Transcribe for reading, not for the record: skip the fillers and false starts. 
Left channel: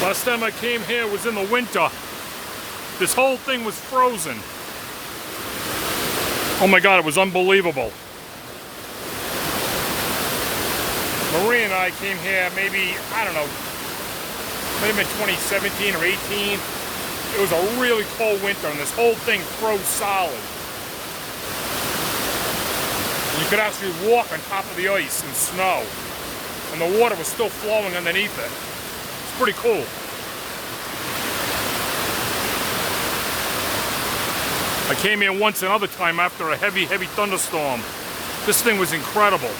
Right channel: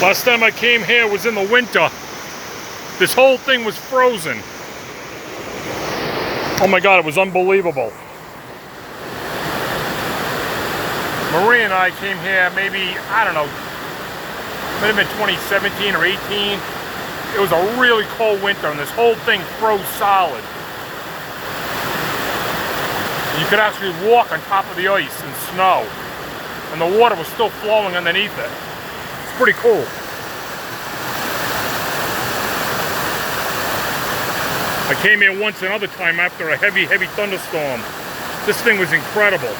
Last time I came here was in the winter. This whole thing was frozen. Oh my God, it was unbelievable. Marie and I came here maybe, I don't know, might have been 2017 or 18. It was a really cold winter and this whole thing froze solid. You could actually walk on top of the ice and snow. And the water was still flowing underneath it. It's pretty cool. I came here once another time after a heavy thunderstorm. This thing was incredible.